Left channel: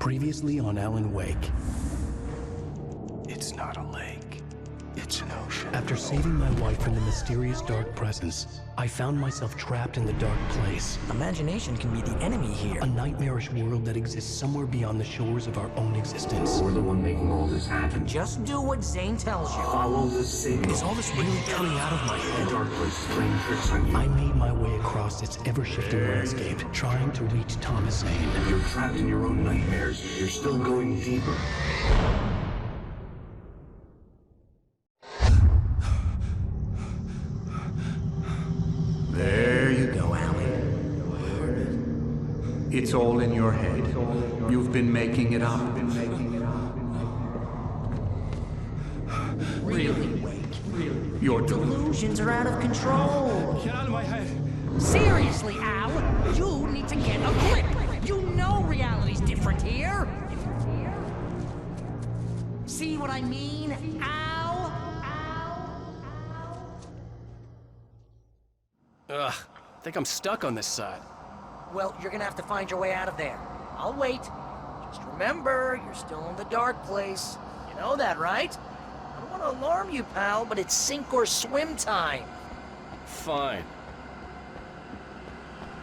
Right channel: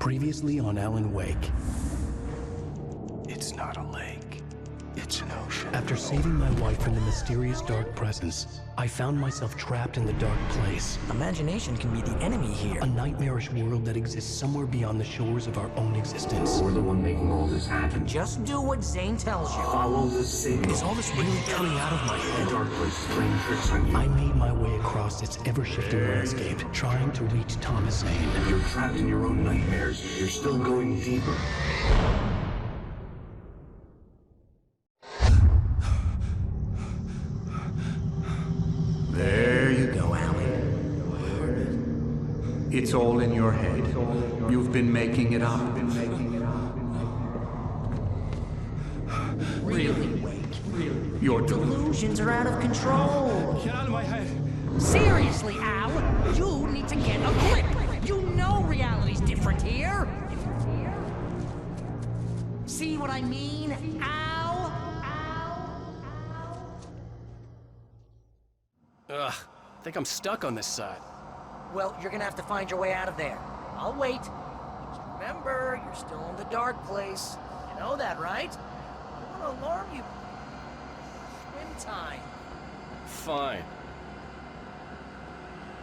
Previously on Alan Wake. It's not a lake. It's an ocean. After saving my wife from the mysterious dark presence, I found myself trapped in the dark place. Imagination can be the enemy here. A nightmarish world that exists somewhere beyond the shores of our own existence. We're the one making all this happen. Just do what Zane tells you. Follow the signal. Is all this really coming out of my head? The dark place is playing tricks on you. I made my way across its ever-shifting landscape, trying to reach Thomas Zane. You're trapped in your own nightmares. You're still going deeper. There you go, Alan. It's all in your head. You've been making it up. Really, Wake? Your Delusions are out of control. Get out of my head. Seriously, Al, you need to get a grip. You know reality's different here. See what I mean, Al? Ugh, I think I'm stuck on this side. Well, you're gonna have to find your way out of there. I'll wait. Just remember, you're still in the dark place. You know that, right? I don't want to alarm you, pal, but it's sink or swim time. Fine.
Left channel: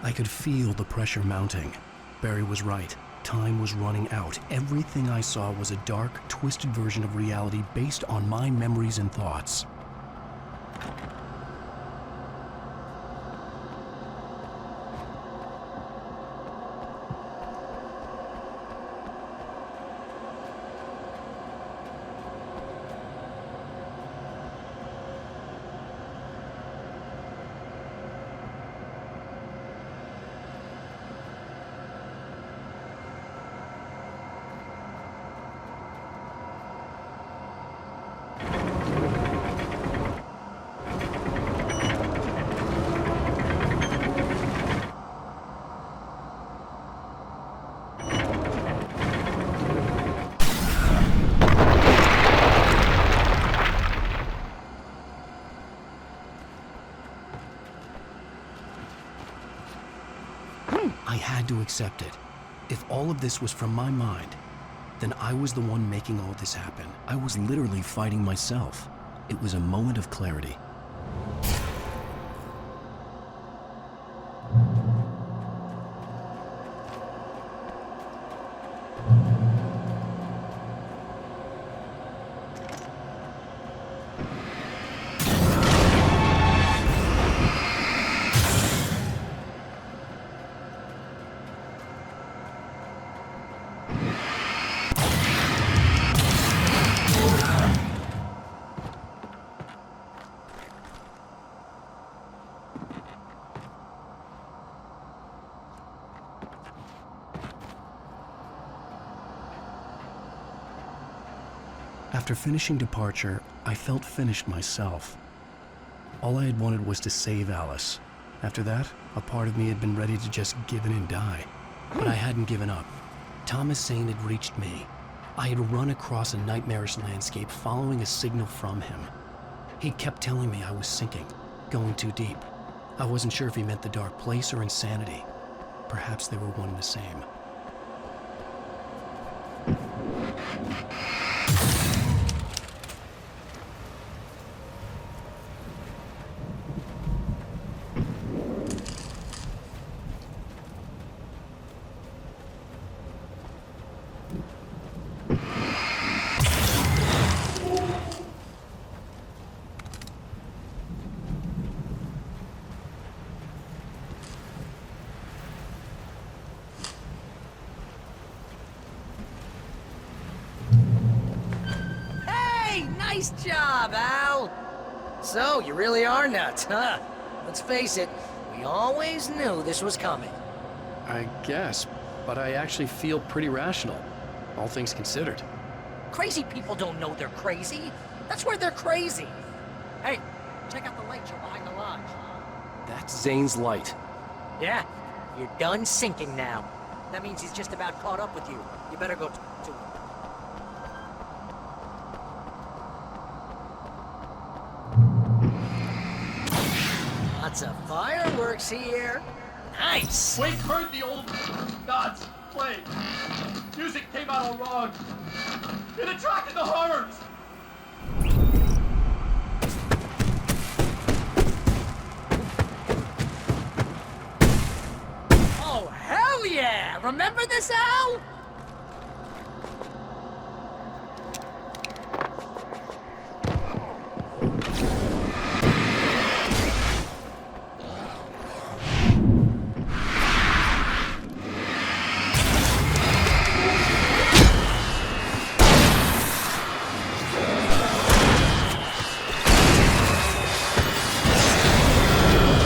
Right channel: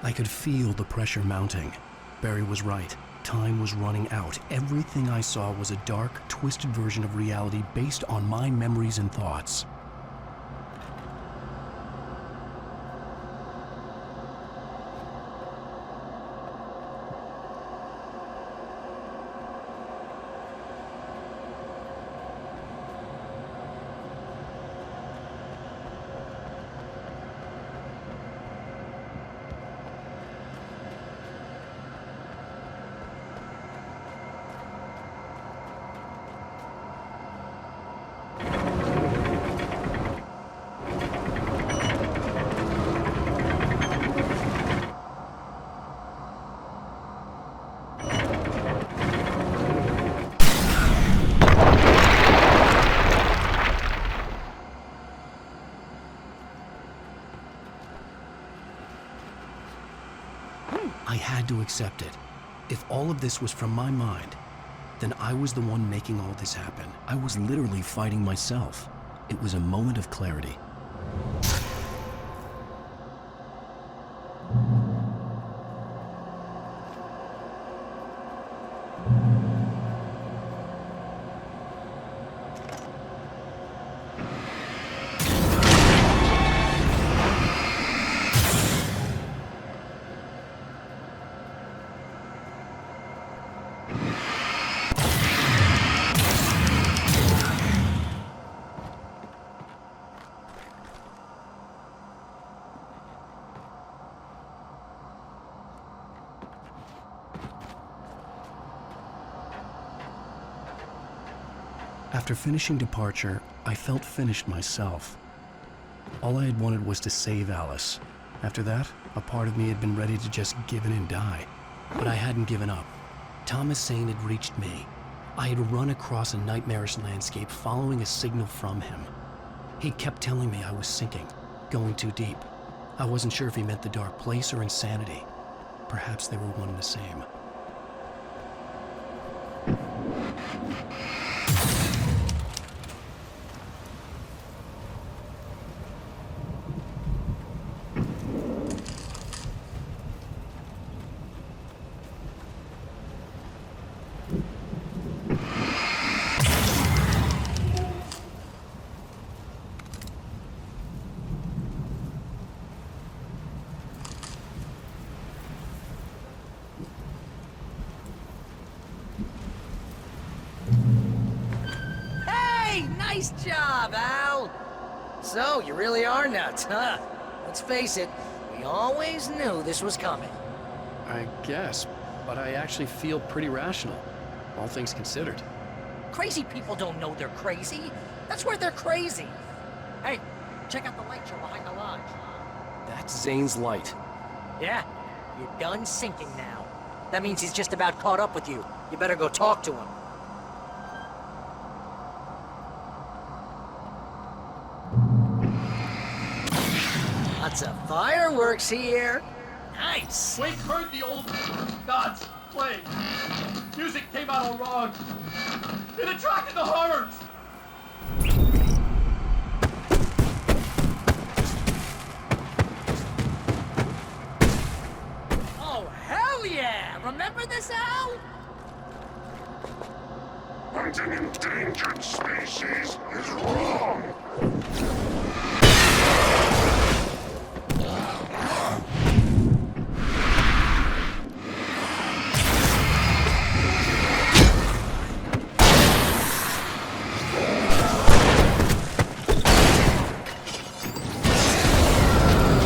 I could feel the pressure mounting. Barry was right. Time was running out. Everything I saw was a dark, twisted version of reality based on my memories and thoughts. I had to accept it. If all of this was from my mind, then I was the one making all this happen. I was literally fighting myself. It was a moment of clarity. After finishing Departure, I felt finished myself. All I had wanted was to save Alice. After that, a part of me had been ready to just give in and die. But I hadn't given up. Thomas Zane had reached me. I had run across a nightmarish landscape following a signal from him. He kept telling me I was sinking, going too deep. I wasn't sure if he meant the dark place or insanity. Perhaps they were one and the same. Nice job, Al! So, you really are nuts, huh? Let's face it, we always knew this was coming. I guess, but I actually feel pretty rational, all things considered. Crazy people don't know they're crazy. That's where they're crazy. Hey, check out the light show behind the lodge. That's Zane's light. Yeah, you're done sinking now. That means he's just about caught up with you. You better go talk to him. Lots of fireworks here. Nice. Wake heard the old gods. playing. Music came out all wrong. It attracted the horrors. Oh, hell yeah! Remember this, Al? Hunting endangered species is wrong.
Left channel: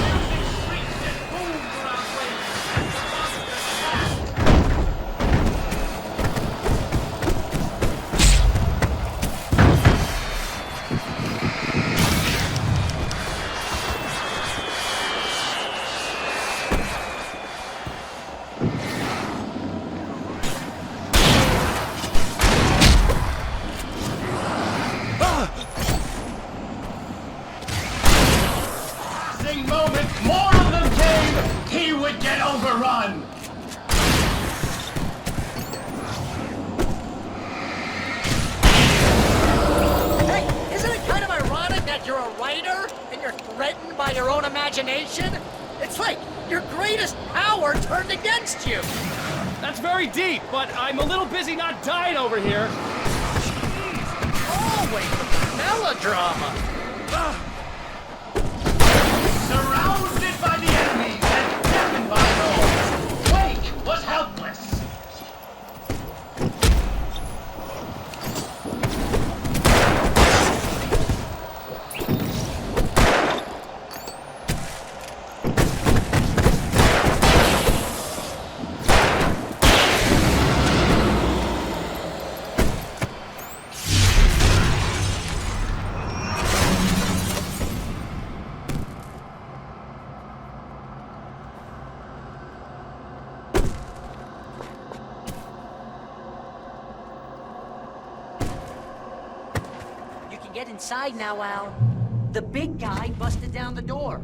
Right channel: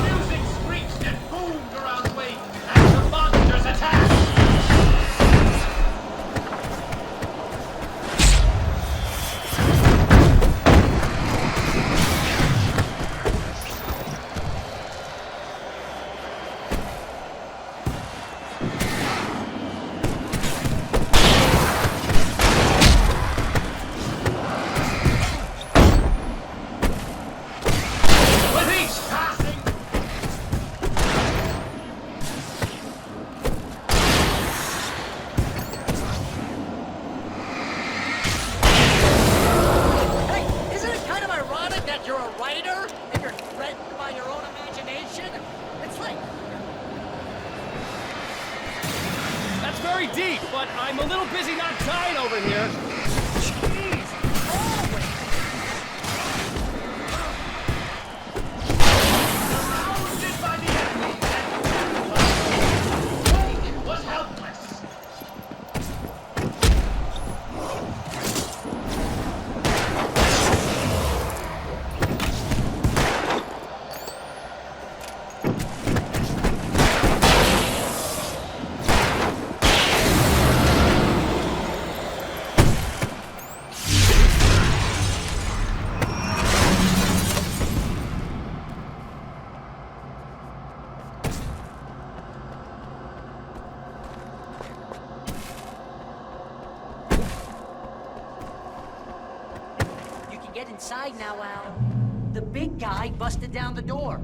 Music screeched and boomed around Wake as the monsters attacked. With each passing moment, more of them came. He would get overrun. Hey, isn't it kind of ironic that you're a writer and you're threatened by your own imagination? It's like your greatest power turned against you. That's very deep, but I'm a little busy not dying over here. Jeez, always melodrama. Surrounded by the enemies and death by those, Wake was helpless. You can get inside now, Al. The big guy busted down the door.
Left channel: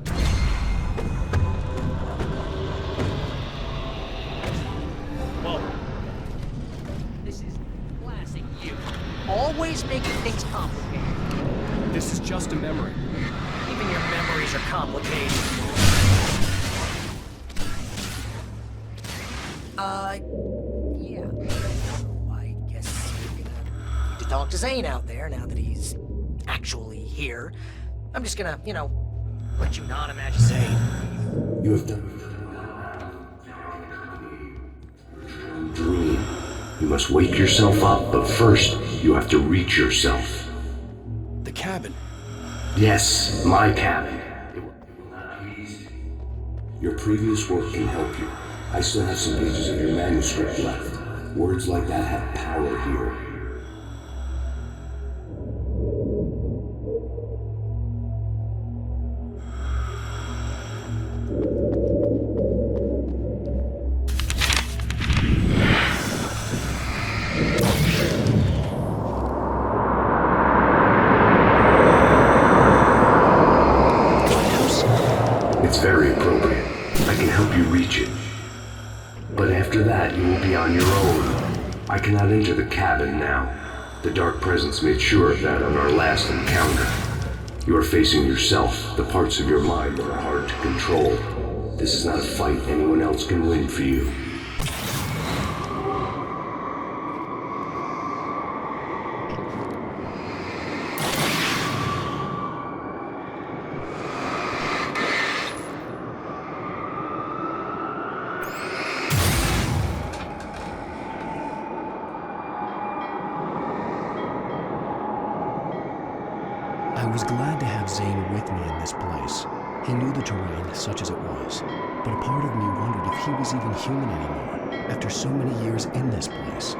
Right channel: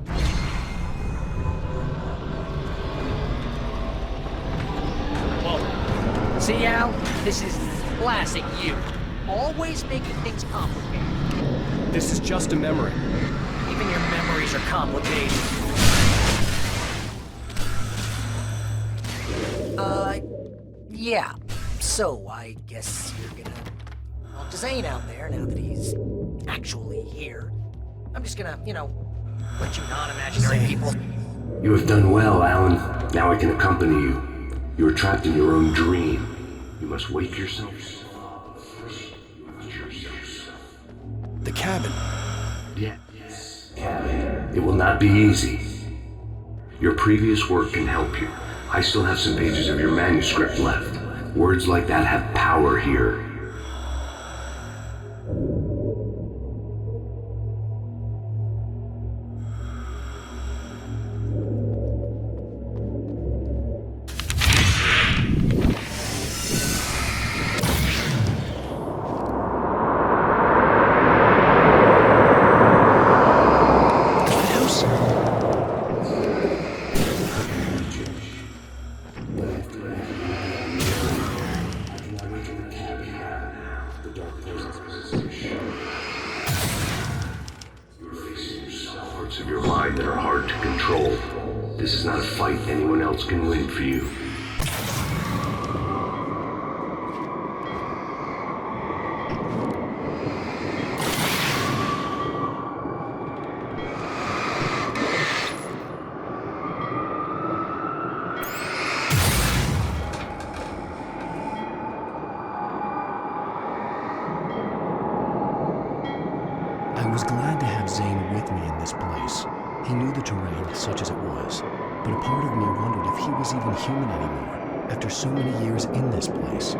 Whoa. See, Al? This is classic you. Always making things complicated. This is just a memory. Even your memories are complicated. Yeah. So, I guess you're gonna need to talk to Zane out there now that he's actually here. I'm just gonna, let you non-imaginary people. You have done well, Alan. Now I can accompany you. You are trapped in your own dream. You must wake yourself up, but first, you have to reach yourself. The cabin. Yes, my cabin. It will not be easy. Your previous work can help you. I still have some pages of your manuscript left. Words like that have power here. It's very appropriate. I can help you reach it. But after that, you will be on your own. I cannot enter the cabin now. The Dark Presence made sure of that on our last encounter. You are facing yourself, the parts of your mind that are hard to control. This is not a fight anyone else can win for you. I was glad to have Zane with me in this place. He knew the terrain, such as it was, but a part of me wondered if he was even human anymore, after so many years in this place.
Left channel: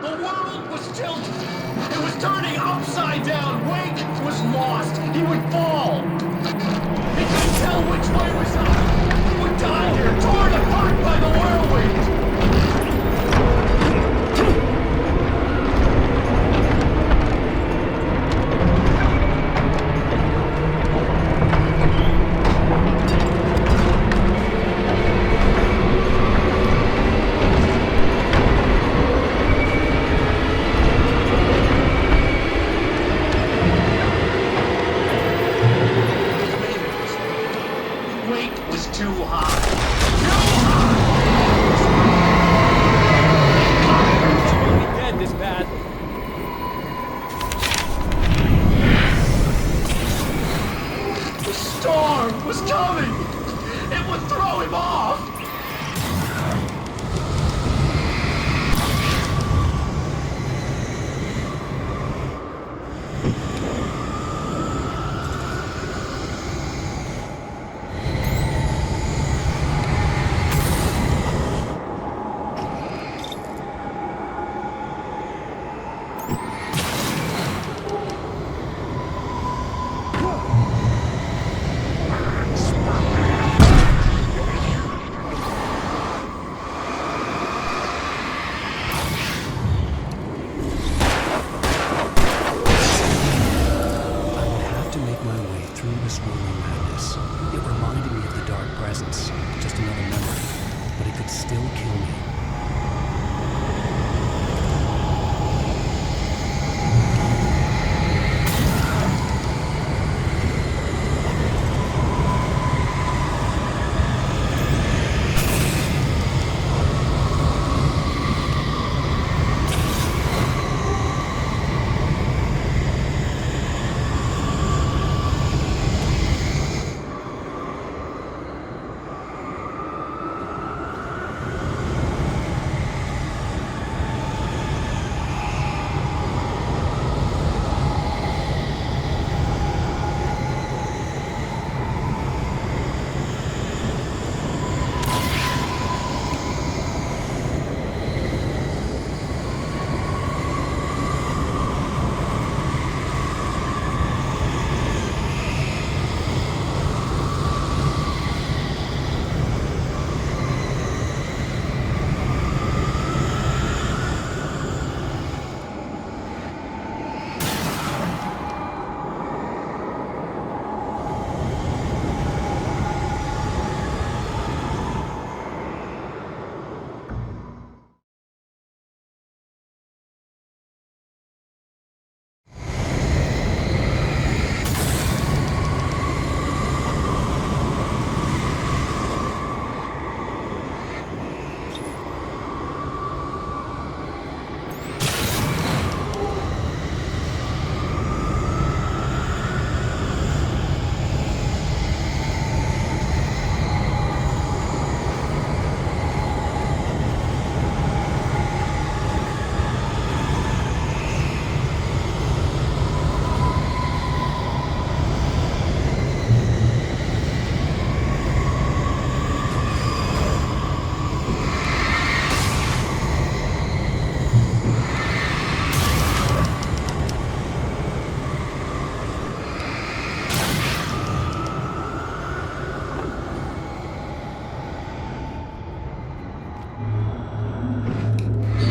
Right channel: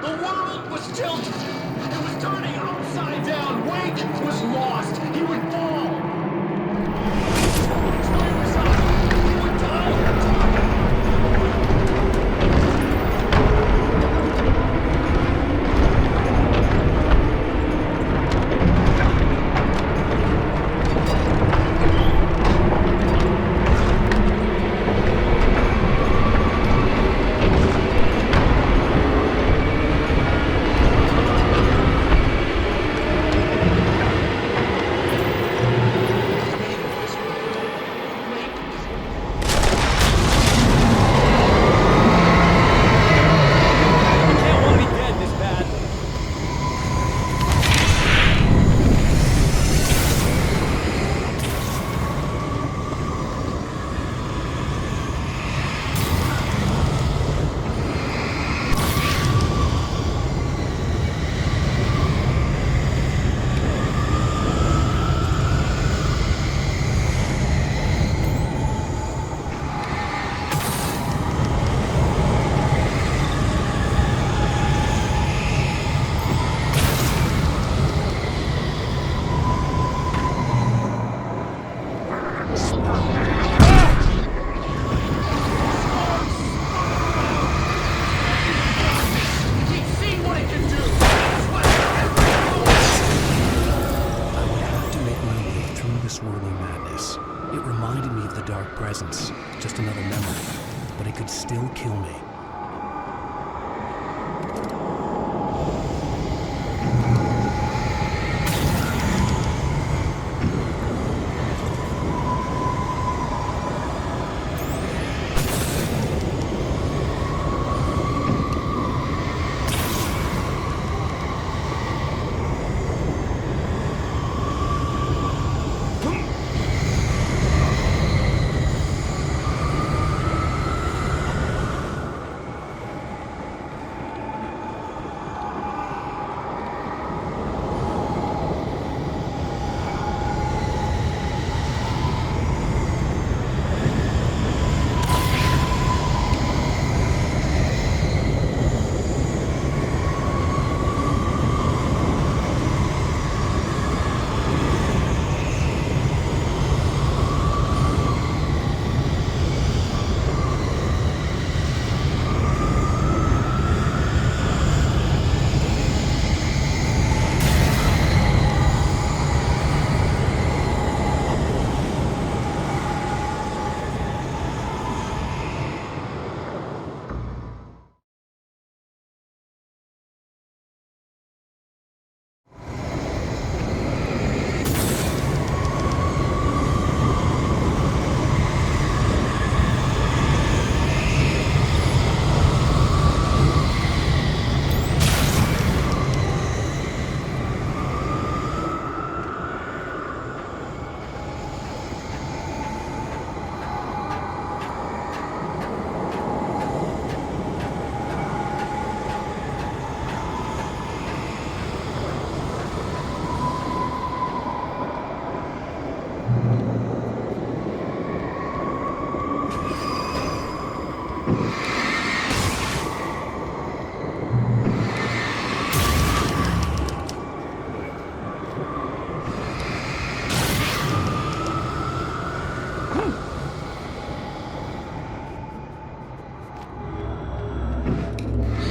The world was tilted. It was turning upside down. Wake was lost. He would fall. He couldn't tell which way was up. He would die here, torn apart by the whirlwind. reminded me of the dark presence, just another memory, but it could still kill me.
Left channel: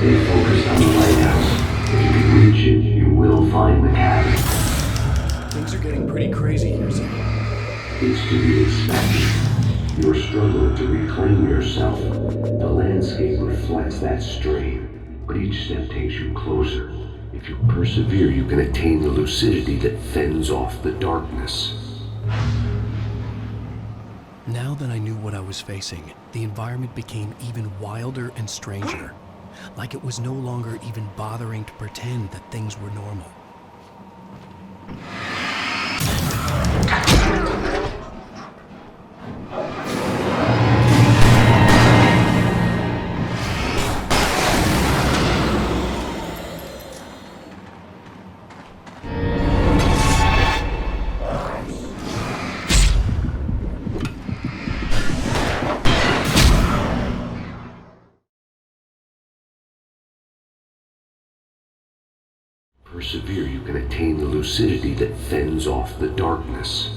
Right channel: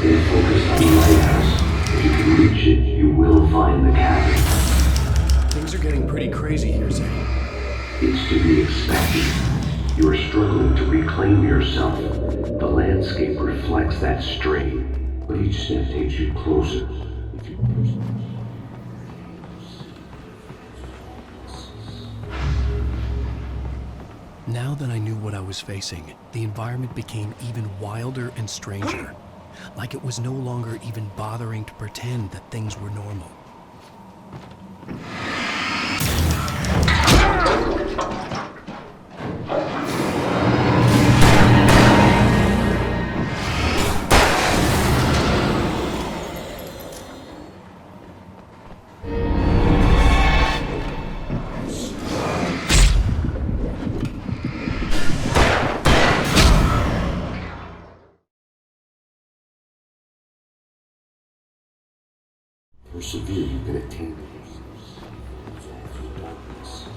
Stay focused on the lighthouse. If you can reach it, you will find the cabin. Things are getting pretty crazy here, Zane. It's to be expected. You are struggling to reclaim yourself. The landscape reflects that strain, but each step takes you closer. If you persevere, you can attain the lucidity that fends off the darkness. Now that I knew what I was facing, the environment became even wilder and stranger. Like it was no longer even bothering to pretend that things were normal. Persevere, you can attain the lucidity that fends off the darkness.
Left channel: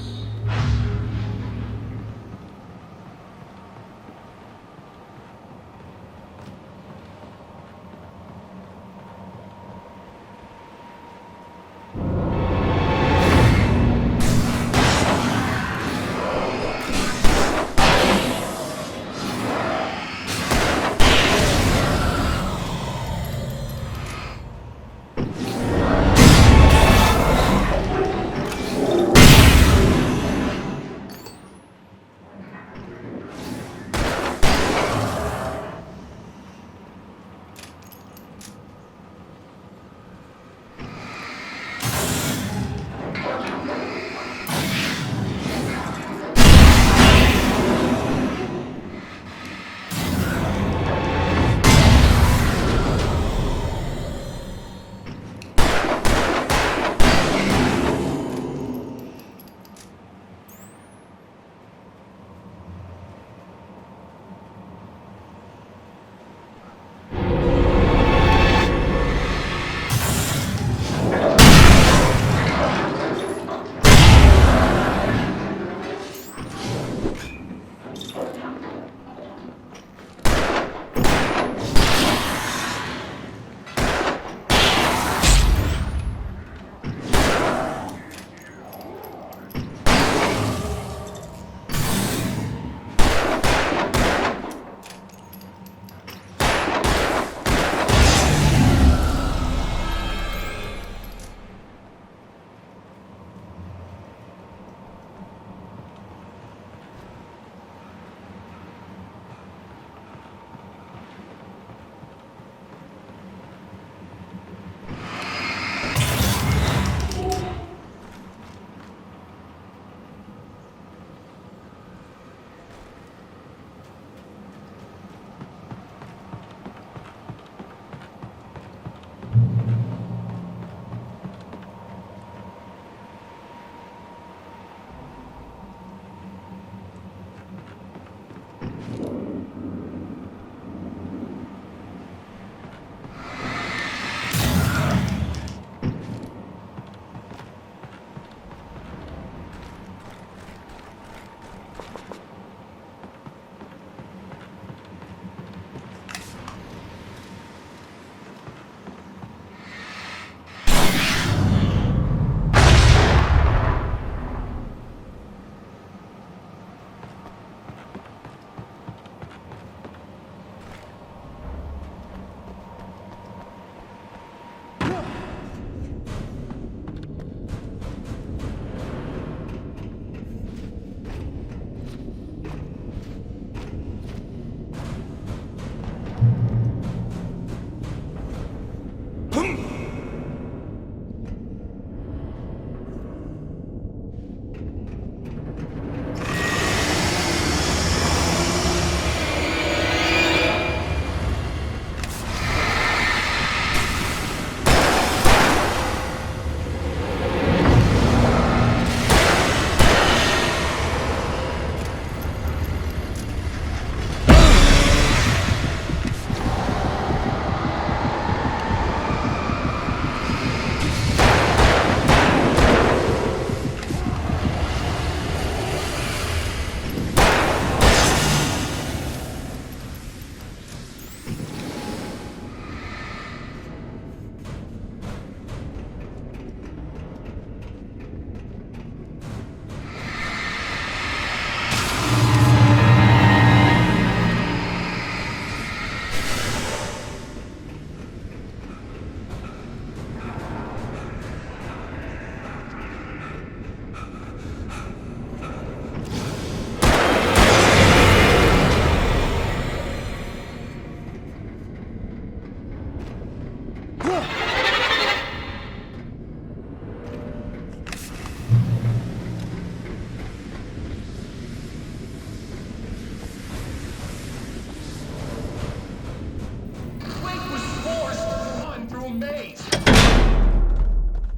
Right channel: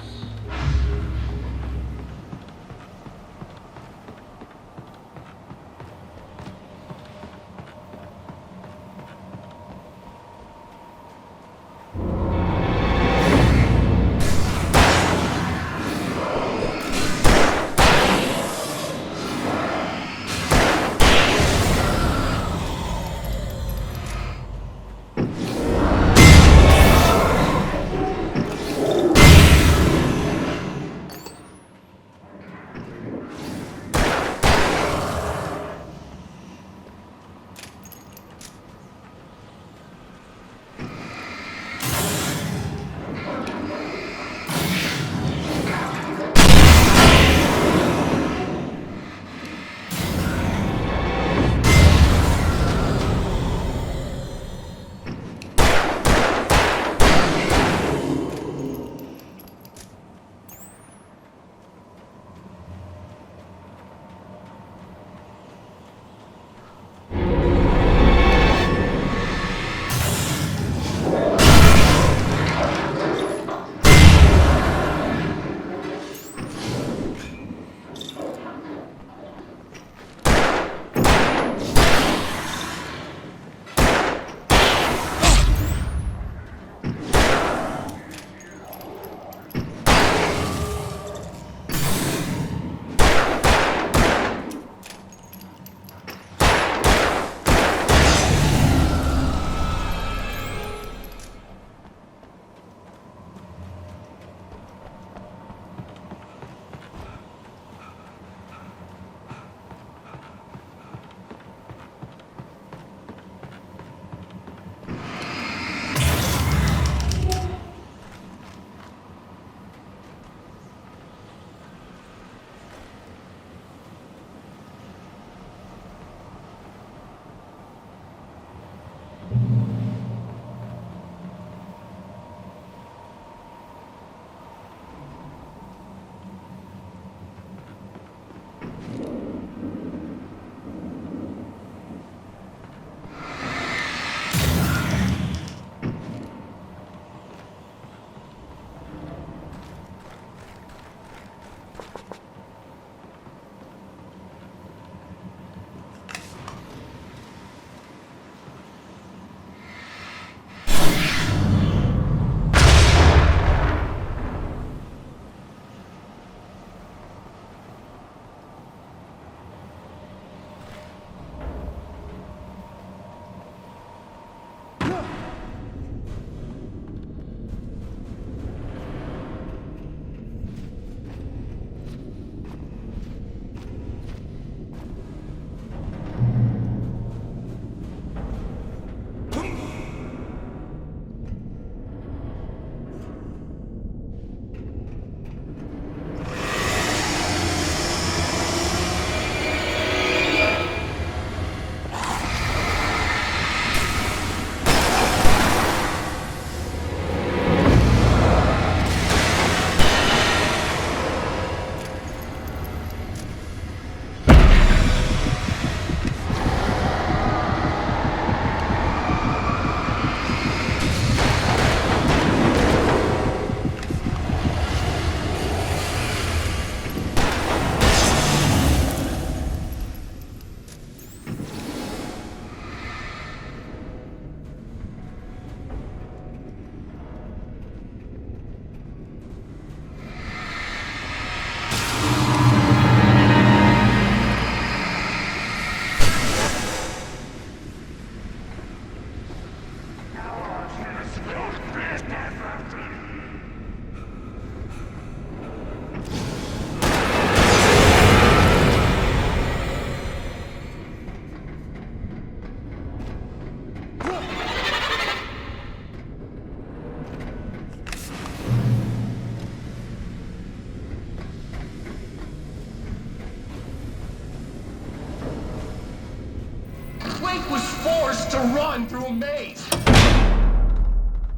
Wake was forced to run through a maze.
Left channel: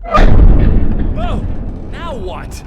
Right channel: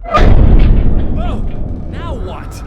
Oh! Now what?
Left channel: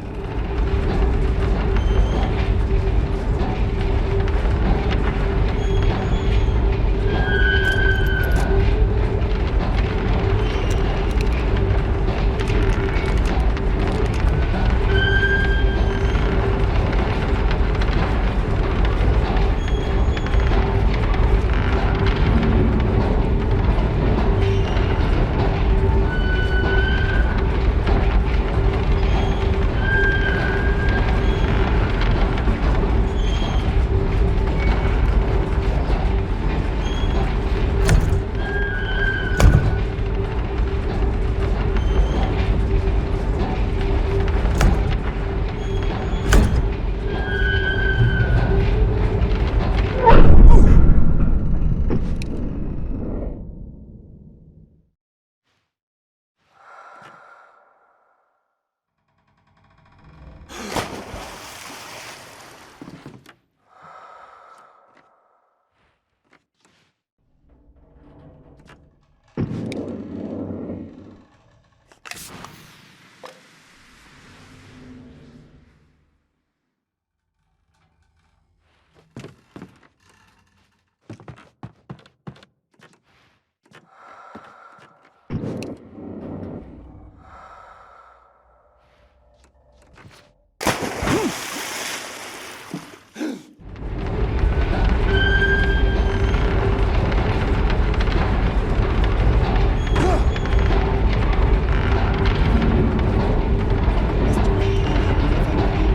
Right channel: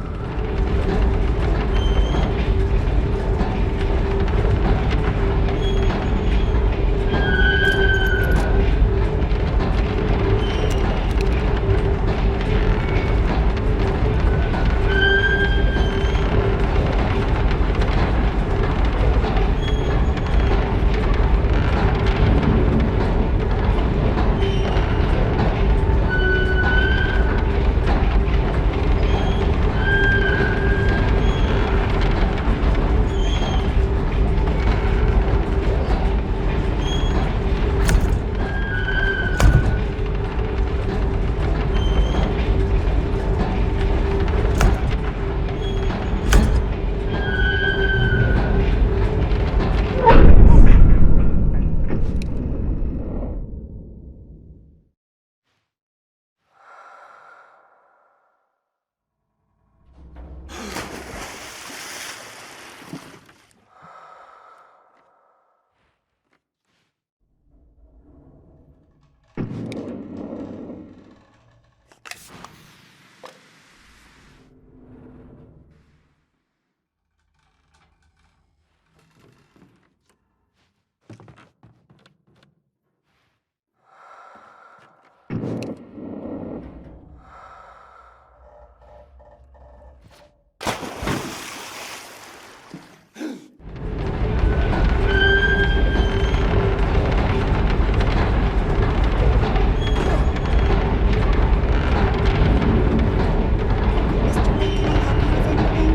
Mr. Wake, can I help you with anything?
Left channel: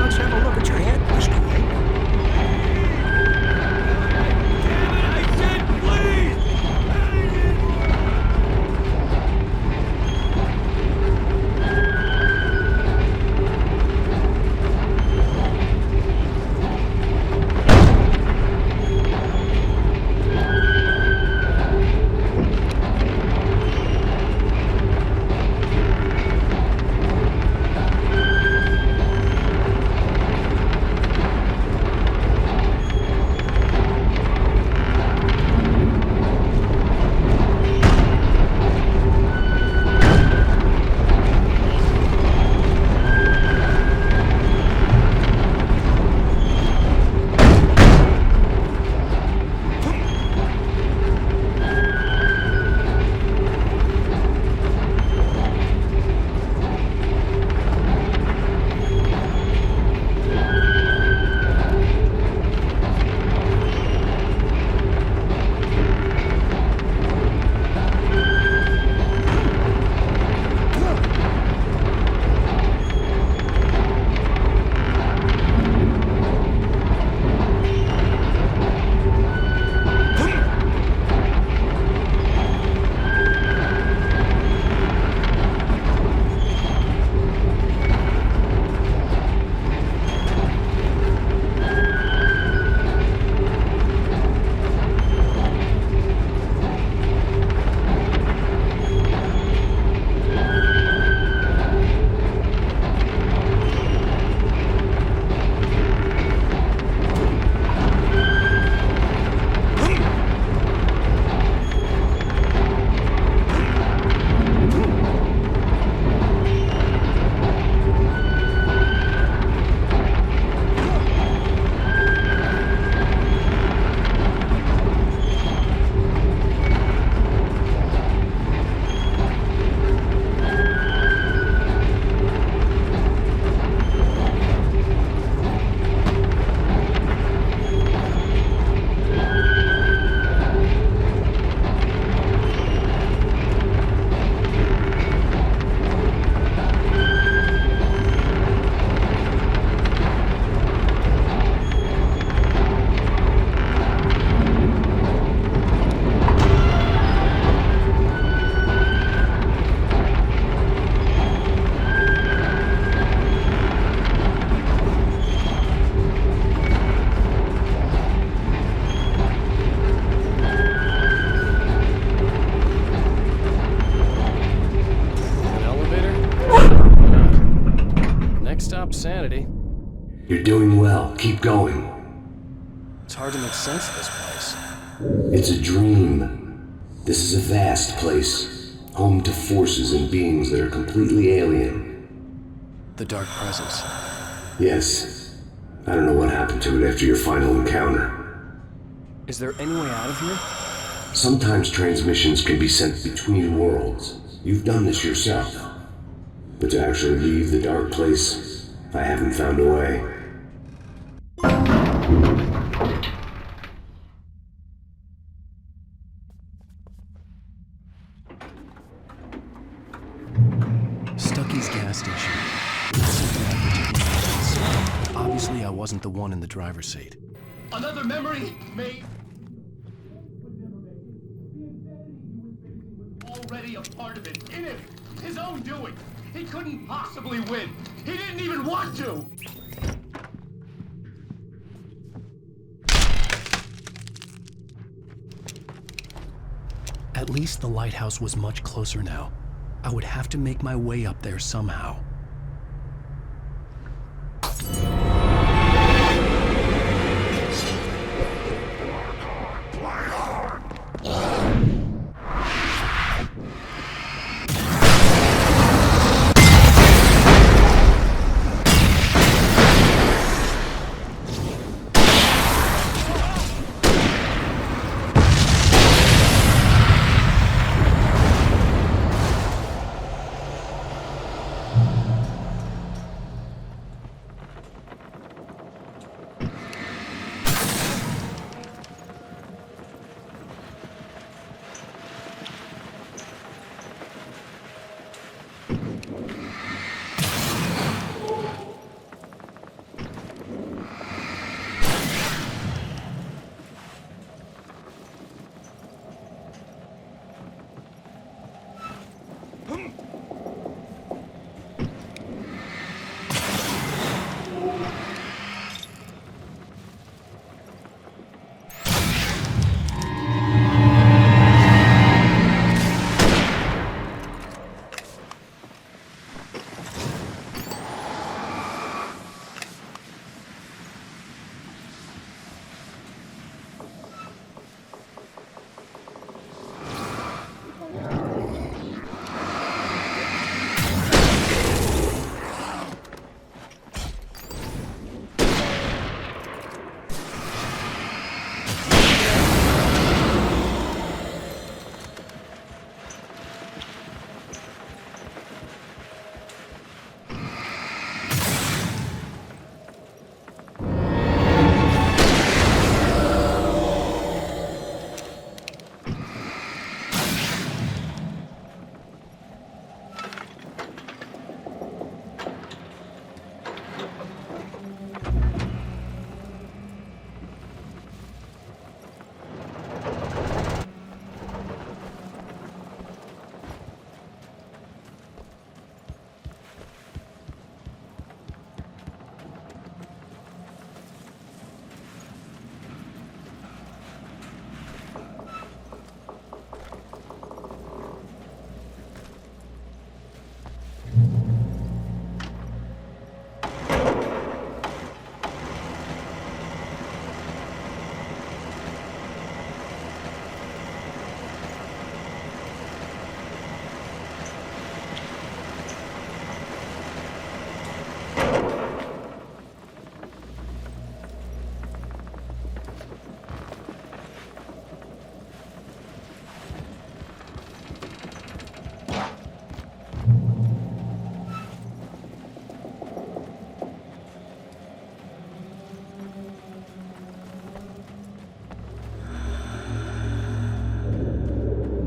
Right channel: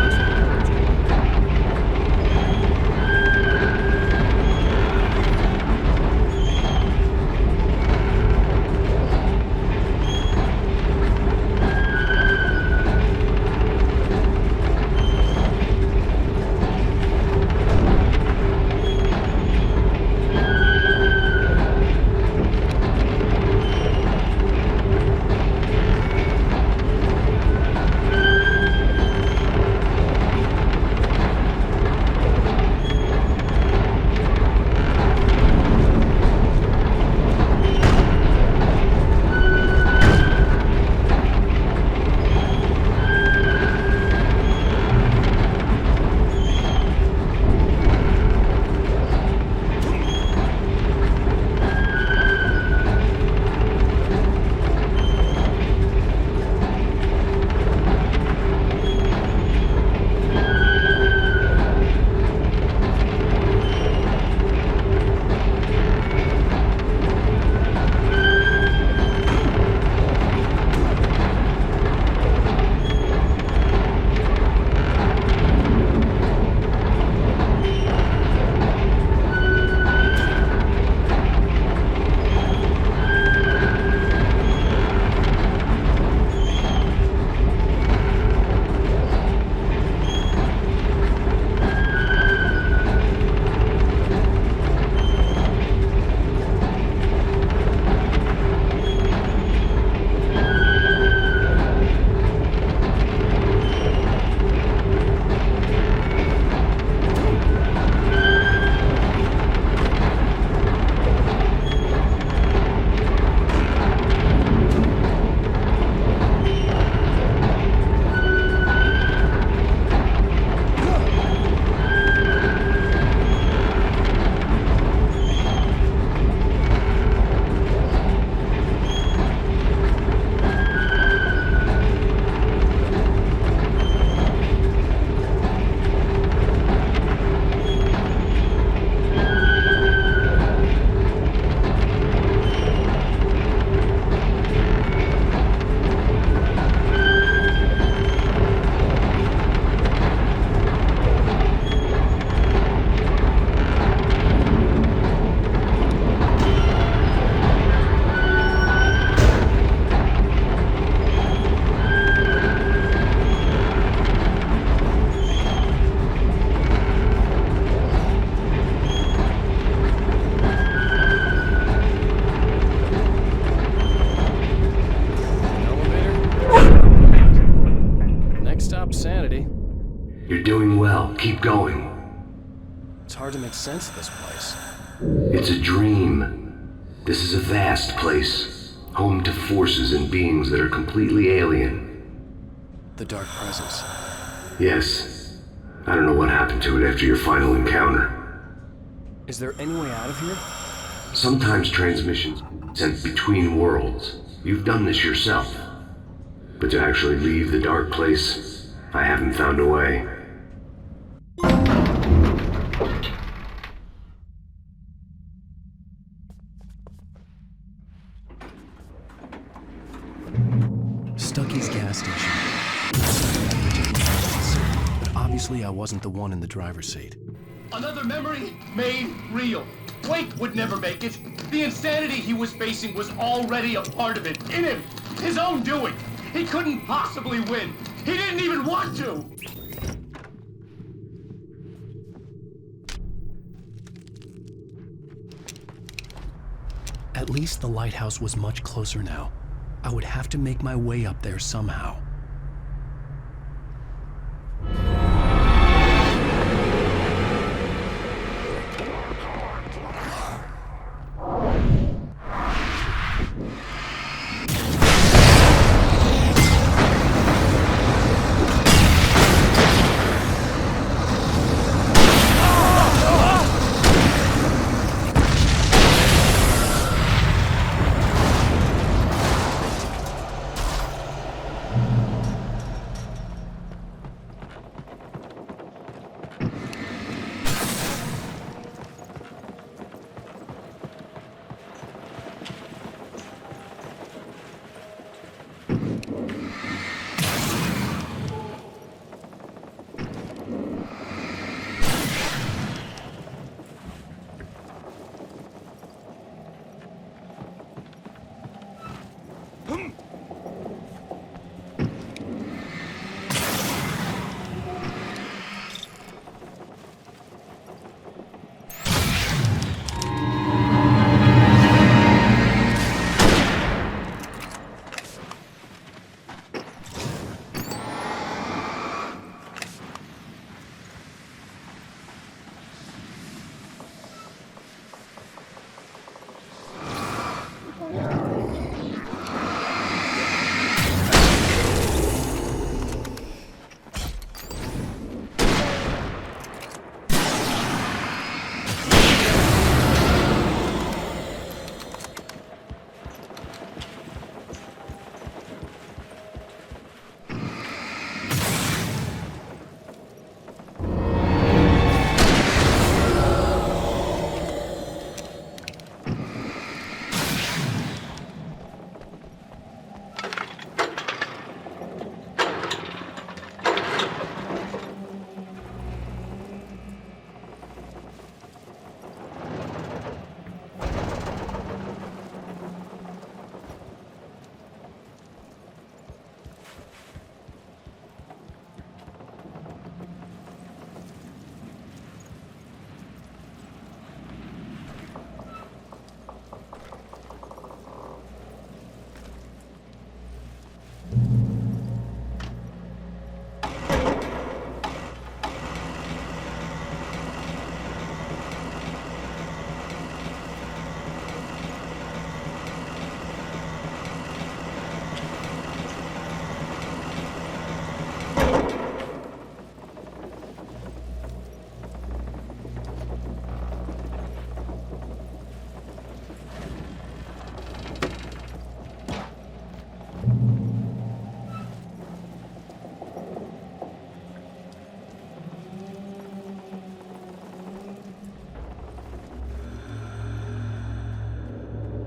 Let's have a look at your head, Mr. Wake. Stop sanity. You're doing well. Keep going. It's hard to make sense of this place. It's a dream. This is a vast place, home to forces and beings that are completely alien. The Dark Presence. Yes. I don't know what happened to it after your final encounter. Is there any way out of here? Sometimes transmissions can be sent between worlds. You've done this yourself. But to actually leave the dark place, I haven't found a way. Stucky's gas station. Something I particularly wanted to see, but obviously I wasn't the one in the driver's seat. Another memory made real. Wake would never make it. The insanity he was facing was already a part of it, in him, his own doing. He couldn't possibly win. He didn't even want to. At least the lighthouse was much closer now. I would have to make my way up there somehow.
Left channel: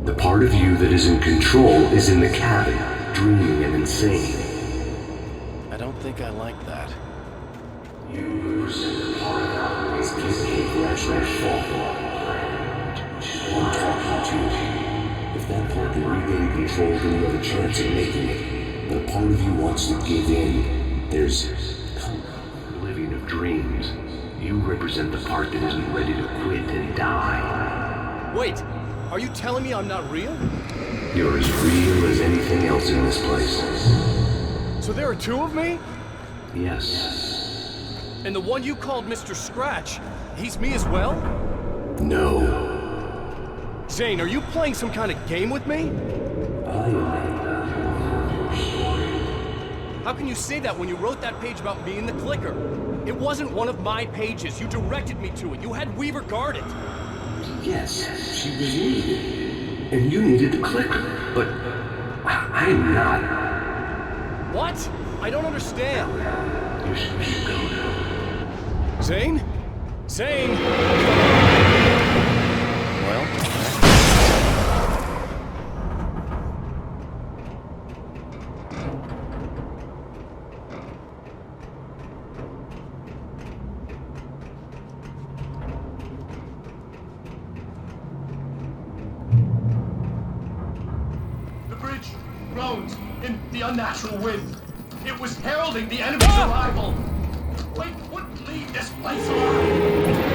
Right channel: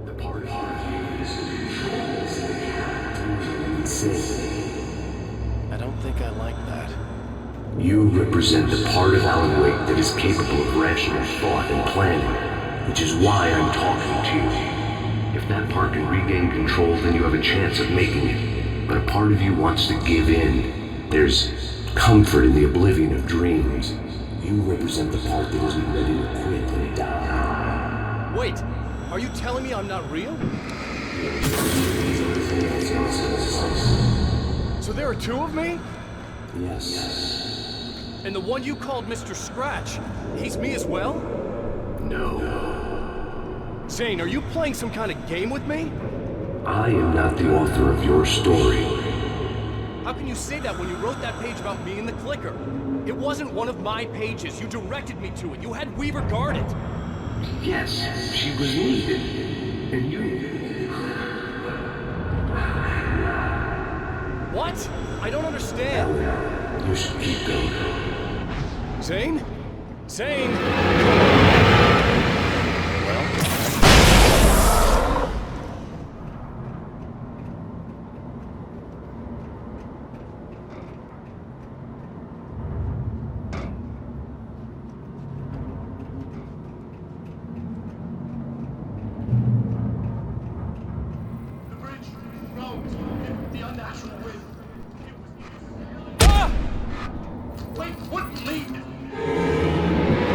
The part of you that is in control is in the cabin, dreaming and insane. I don't think I like that. You represent the part of Alan Wake that is capable of rational thought and planning, which is why I'm talking to you. If that part can regain control, then you have a chance of making it. But a part of you wants to give in. There's comfort in the oblivion of dreams. You represent the part that isn't ready to quit and die. Wait, are you telling me I'm not real? You're as real as anything else in this place. So there are two of me? Yes. And the one you called Mr. Scratch, he's me as well? No. Zane, are you playing some kind of game with me? I am not the author of your story. How can you say that when you wrote that page about me and the clicker? It wasn't one of my pages. You directed me to it. You had Weaver guard it. Yes, she was needed. And you needed the clicker. But I'm not. What? I don't understand. Ellie, you should keep going. Zane? Zane! Well, The bridge groaned in the unnatural wind. It was heralding the enemy's arrival. Wait wouldn't leave this place alive.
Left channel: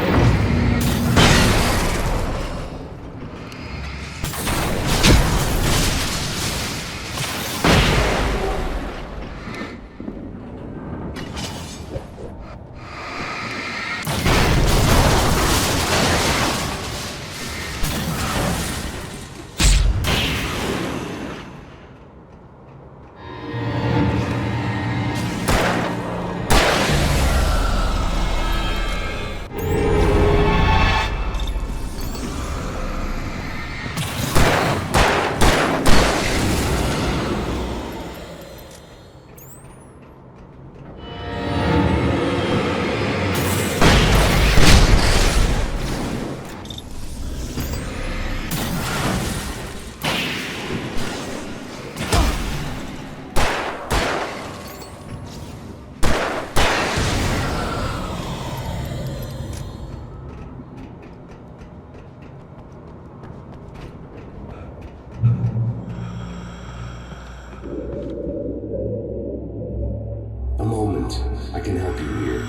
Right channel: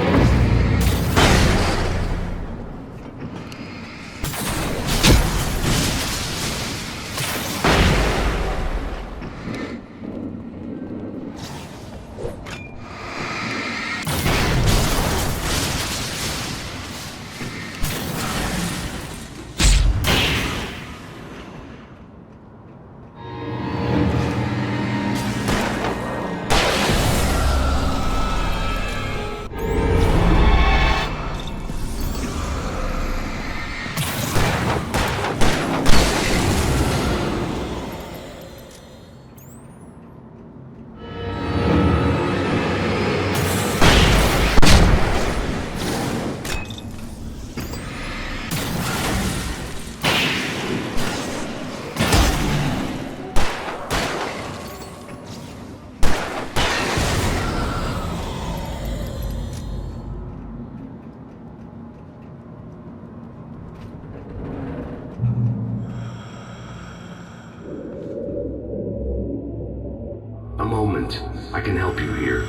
A moment. I can help you here.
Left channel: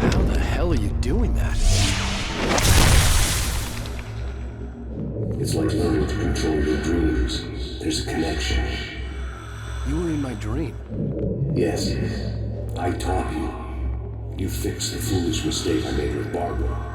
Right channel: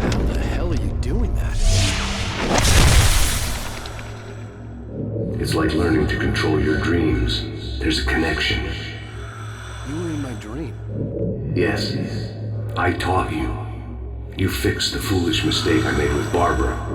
how the hell are you doing that? It's like learning to control your dreams. There's a connection. You were in my dream. Yes, I taught you. You fixed the foolish mistake I made with Barbara.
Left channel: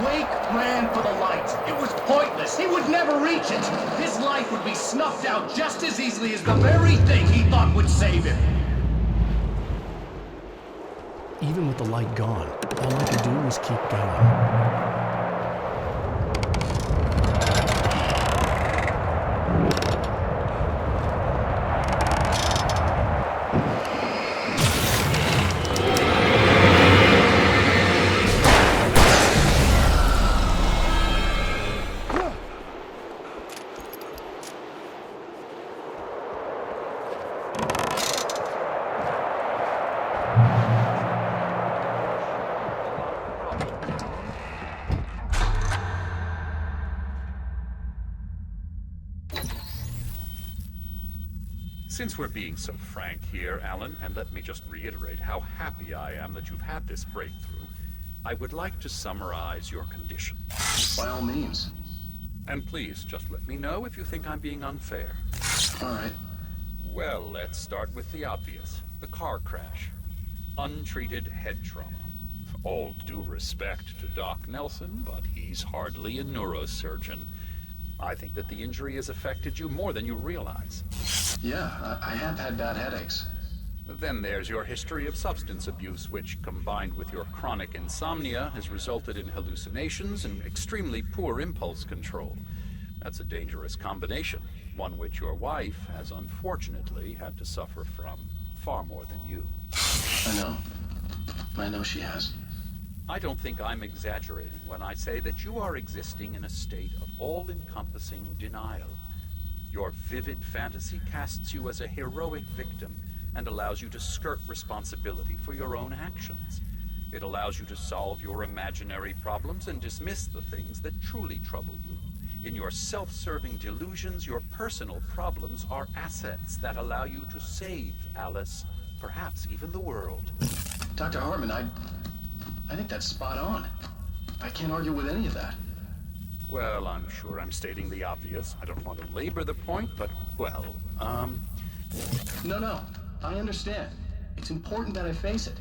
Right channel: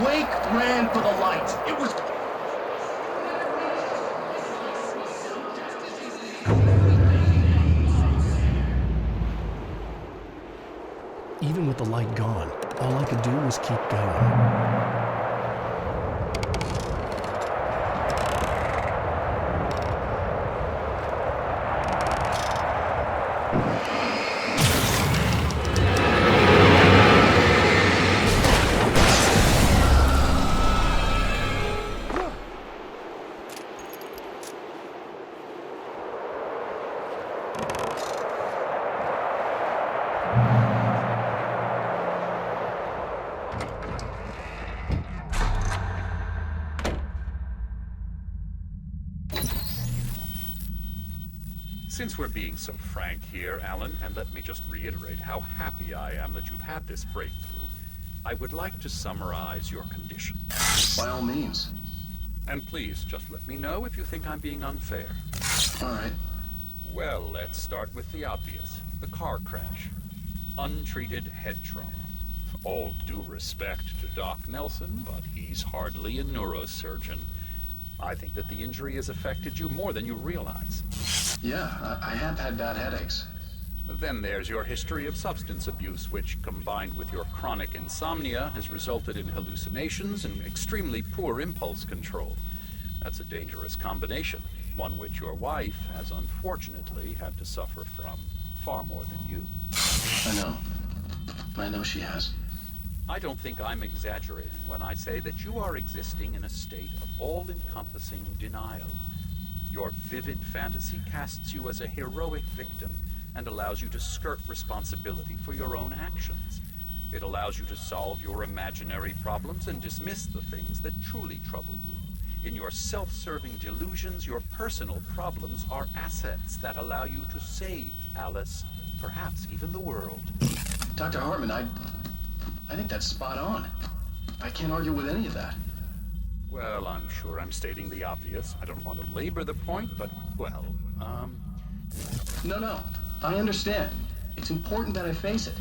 Wake ran for the light. It was pointless. He would never reach it. His life would be snuffed out just as easily as the very thing he thought would save him. Even with the light gone, all I could do was keep going. Since we're being so frank here, Alan, and let me just reiterate how happy I am that you've had this breakthrough, I would like to summarize your condition. By all means. And please, just let me know if you think I'm being unfair. All right. Well, let's start with the obvious. The car crash. Untreated head trauma. All due respect to Doc Nelson, but he's hardly a neurosurgeon. I think that the injury has affected you more than you realize. Yeah, I have had bad headaches. Then there's your history of substance abuse, which, combined with your chronic insomnia, has resulted in hallucinations and extremely poor impulse control. That's a dangerous combination, one which your wife has unfortunately had to suffer from far more than you. I know she has. I don't think I'm exaggerating when I say that you are existing in a state of all-encompassing denial. Your vivid fantasy casts you as a heroic victim and allows you to skirt responsibility for your own actions. It allows you to solve your imaginary problems and dismiss the things that truly trouble you. In your self-serving delusions, your personal problems are assets that allow you to save Alice, perhaps even the world. Dr. Hartman, I think that's spot on. I can't argue with any of that. Well, I'm sure I'm stating the obvious. I don't want to labor the point, but, well, No, I understand. It's important that I face it.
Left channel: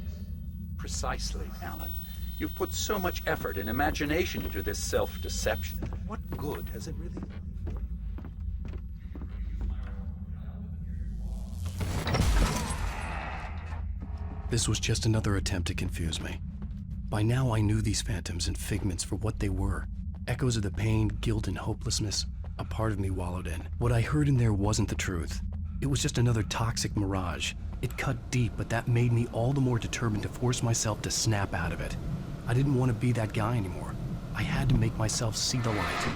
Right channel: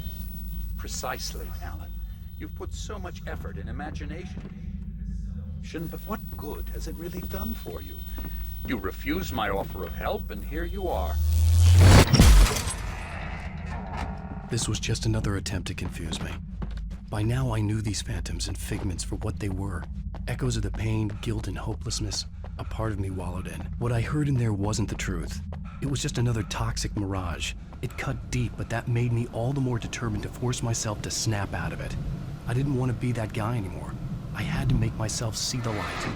Precisely, Alan. You've put so much effort and imagination into this self-deception, but what good has it really done for you? You refused my offer of help, and here you are. This was just another attempt to confuse me. By now I knew these phantoms and figments for what they were. Echoes of the pain, guilt, and hopelessness a part of me wallowed in. What I heard in there wasn't the truth. It was just another toxic mirage. It cut deep, but that made me all the more determined to force myself to snap out of it. I didn't want to be that guy anymore. I had to make myself see the light.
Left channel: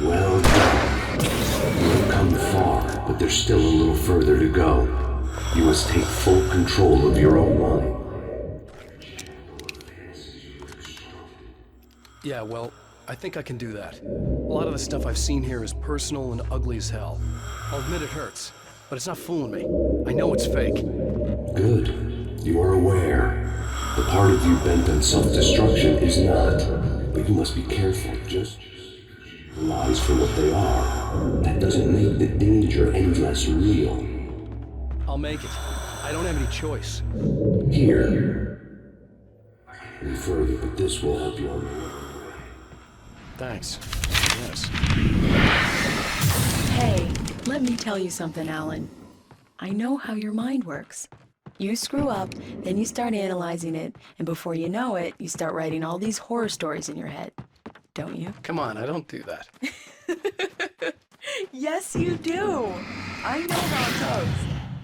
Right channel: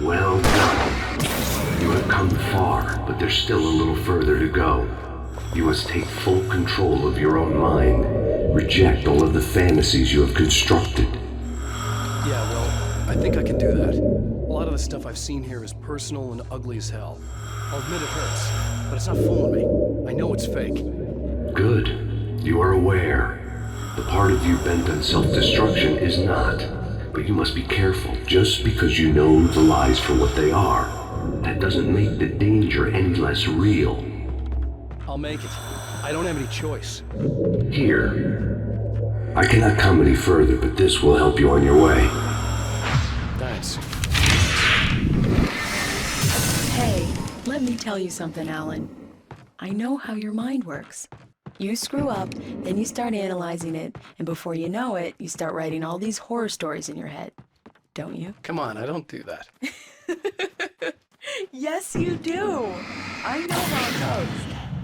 Well done. You have come far, but there's still a little further to go. You must take full control of your own mind. Reject all of the fantasies you have constructed. Yeah, well, I think I can do that. A lot of the stuff I've seen here is personal and ugly as hell. I'll admit it hurts, but it's not fooling me. I know it's fake. Good. You are aware. The part of you bent on self-destruction is not. But you must be careful. Just because you know the lies for what they are, that doesn't make the danger any less real. I'll make it. I don't have any choice. Here. I cannot come any further, but this will help you on your way. Thanks. Hey, let me tell you something, Alan. I know how your mind works. You screw up, then you start analyzing it, and before you know it, you start writing all these horror stories in your head. Don't you? Come on, I don't do that. Yes, you do. I know how it goes.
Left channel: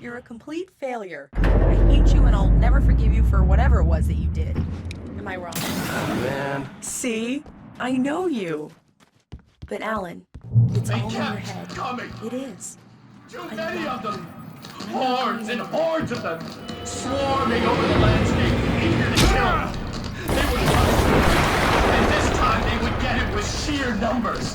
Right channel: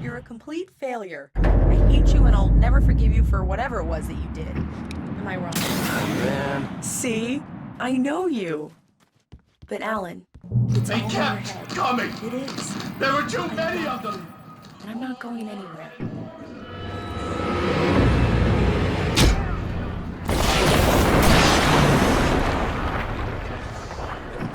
You're a complete failure. I hate you and I'll never forgive you for whatever it was that you did. Am I wrong? Man. See? I know you. But Alan, it's They all in your kept head. coming. It is. There were too many of them. I'm not Hordes going and anywhere. hordes of them, swarming over the landscape. This time they would get it with sheer numbers.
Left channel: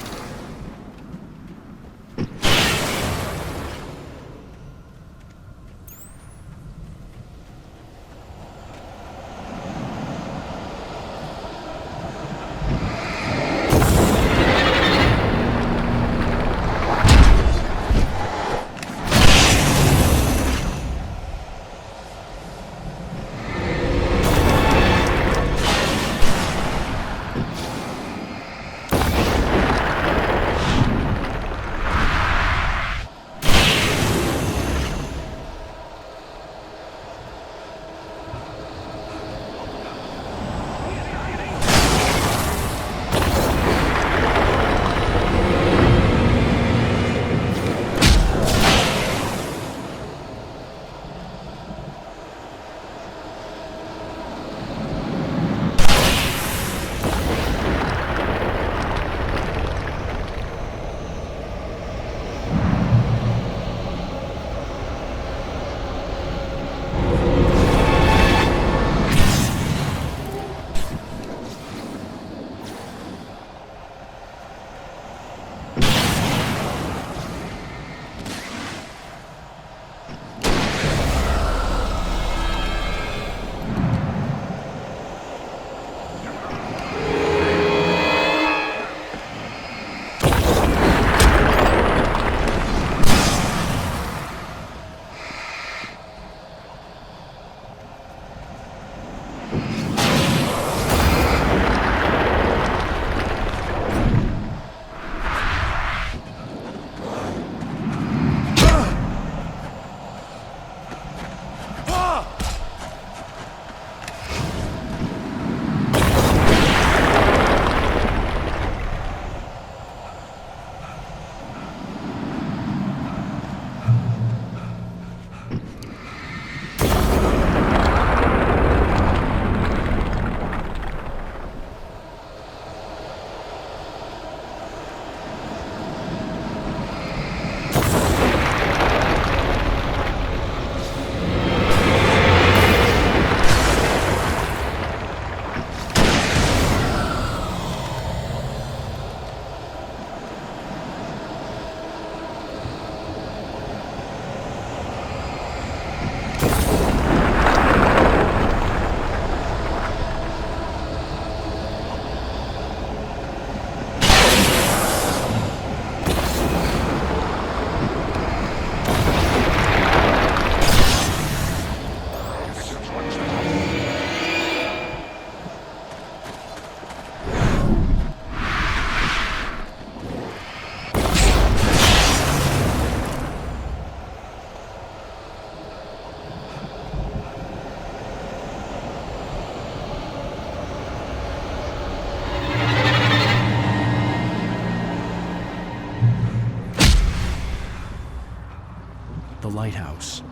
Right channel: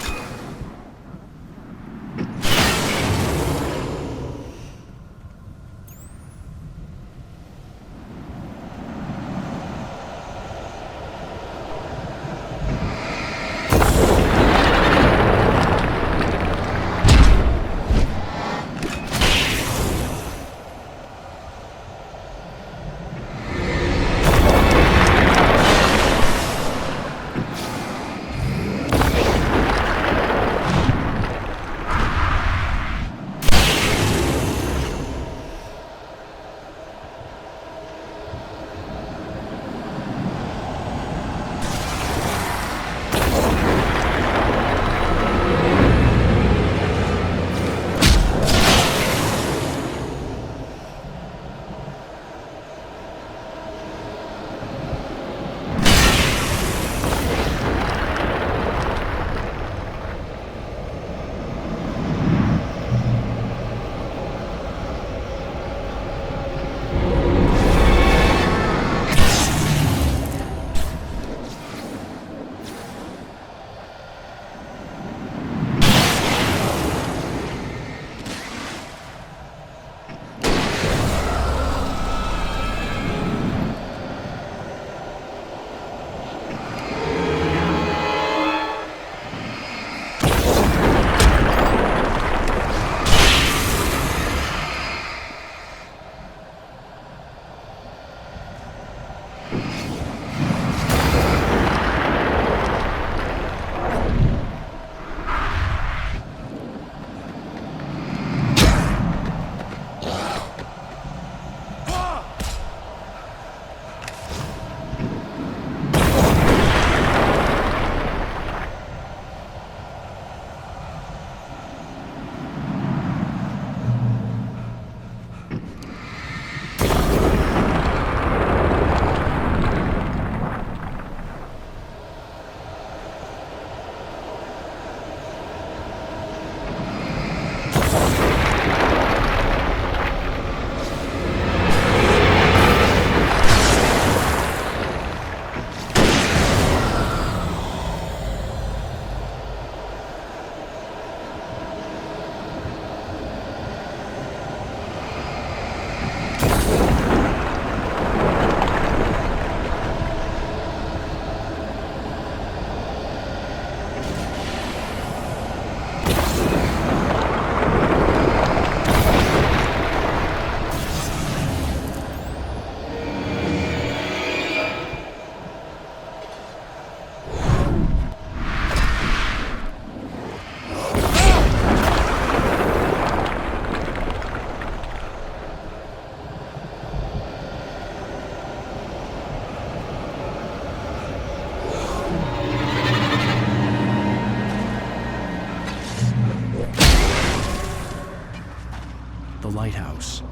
The lighthouse.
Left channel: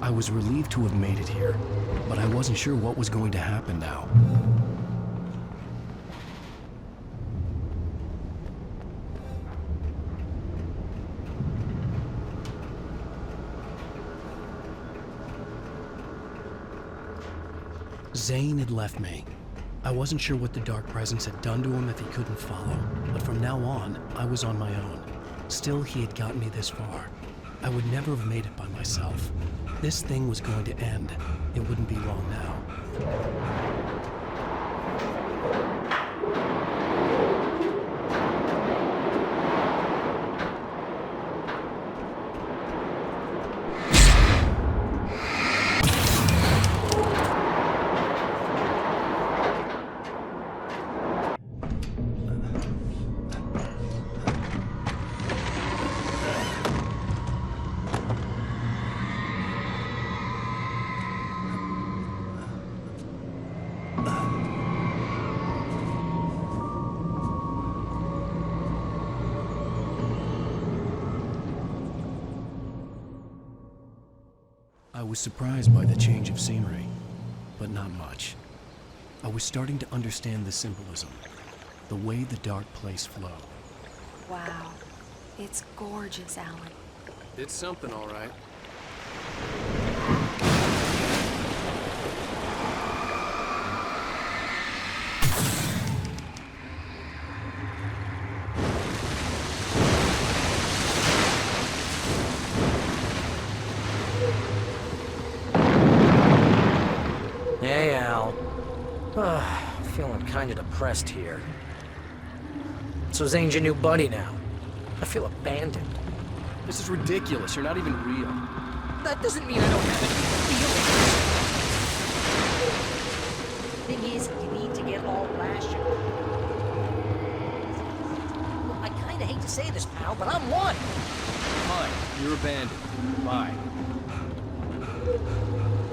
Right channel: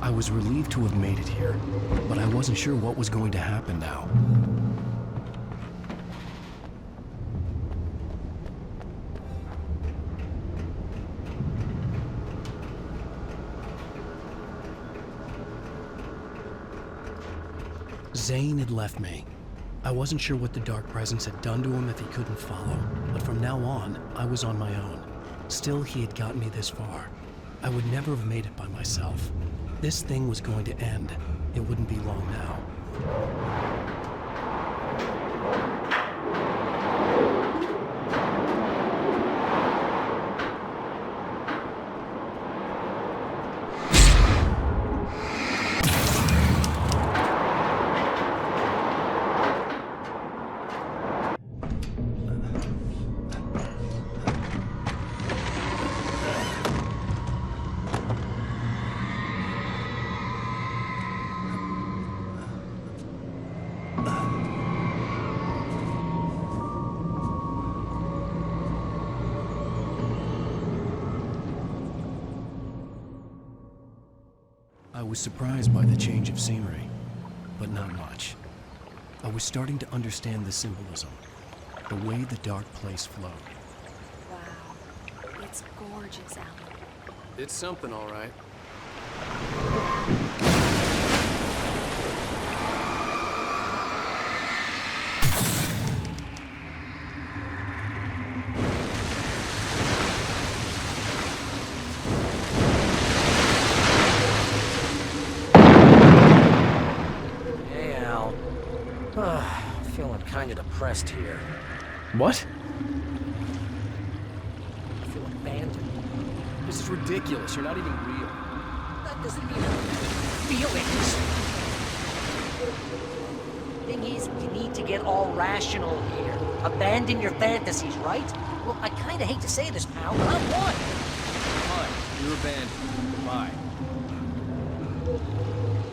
I was relieved to have made it here, but I wasn't sure what was going to happen now. Zane had left me. I wasn't sure what the Dark Presence had done to him if he couldn't follow, but from now on, I was on my own. Still, he had gotten me this far. I would never have made it by myself. This thing was going to end. It wouldn't be long now. was surprised by the change of scenery, but not much. I was starting to understand the symbolism, the way the dark place flowed. Wow. It's gorgeous, Alan. It's something, all right. Hey, Al. Feeling kinda depressed here. What? So Zane's your new buddy now. I feel abandoned. This is ridiculous. You're not even real. That doesn't mean I don't have any feelings. Thing is, you need to get all rational here. Abandon your fantasies, right? Well, I kinda hate to say this, pal, but I'm one. Fine. You're abandoned. Bye.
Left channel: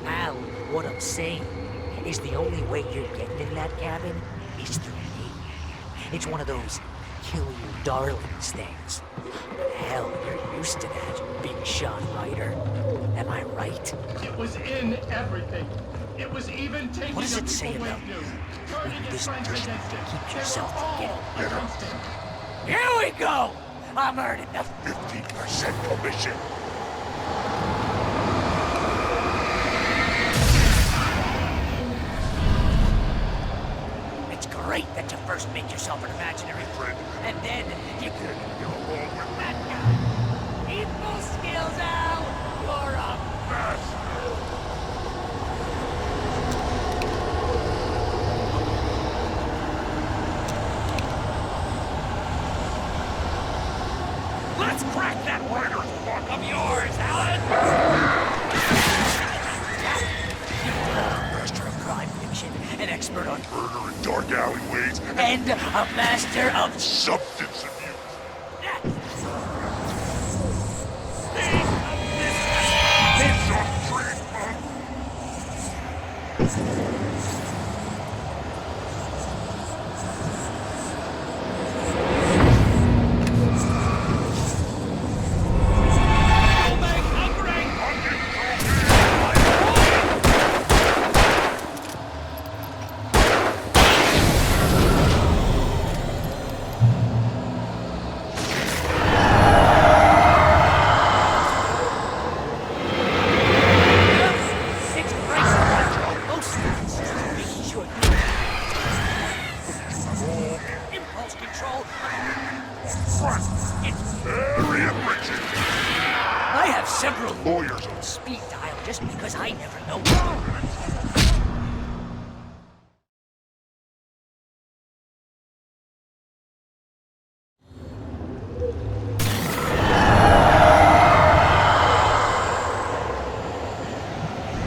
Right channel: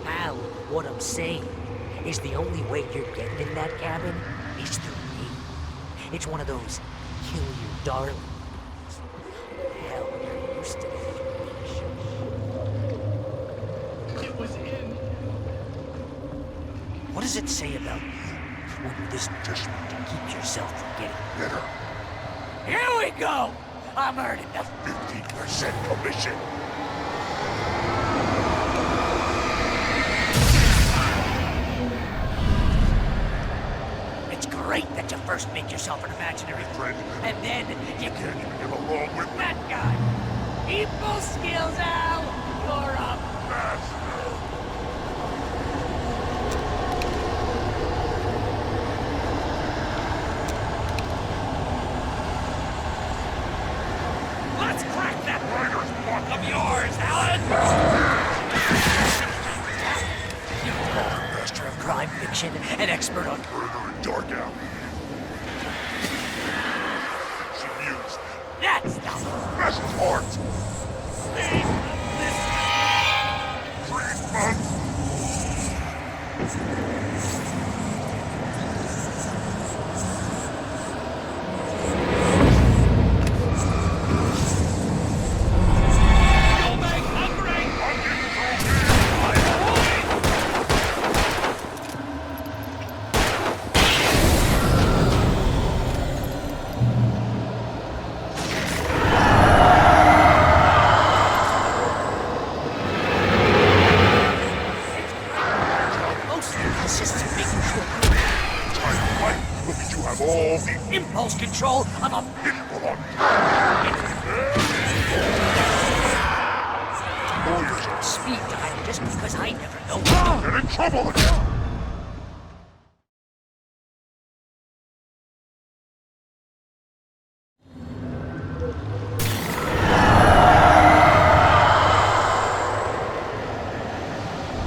Al, what I'm saying is the only way you're getting in that cabin is through me. It's one of those kill your darlings things. Hell, you're used to that, big shot writer. Am I right? It was in everything. It was even taking... What does it say about you when you're this desperate to keep yourself from getting bitter? Here we go! I'm earning the 15% commission. It's great that you first make yourself an imaginary Friend, and then you can't even get along with me. that guy. People skills, Al. You're a Master. Let's crack that writer's block of yours, Alan! Master of crime fiction, an expert on Murder in dark alleyways, and a master of... substance abuse. That's the Best part. thing of this... Treatment. Go back hungry! It's great. Mostly consists of making sure you Look at you have all the impulse control. I'm a... people on fire. I have several Lawyers are speed dial just because I never know. Get in trouble again.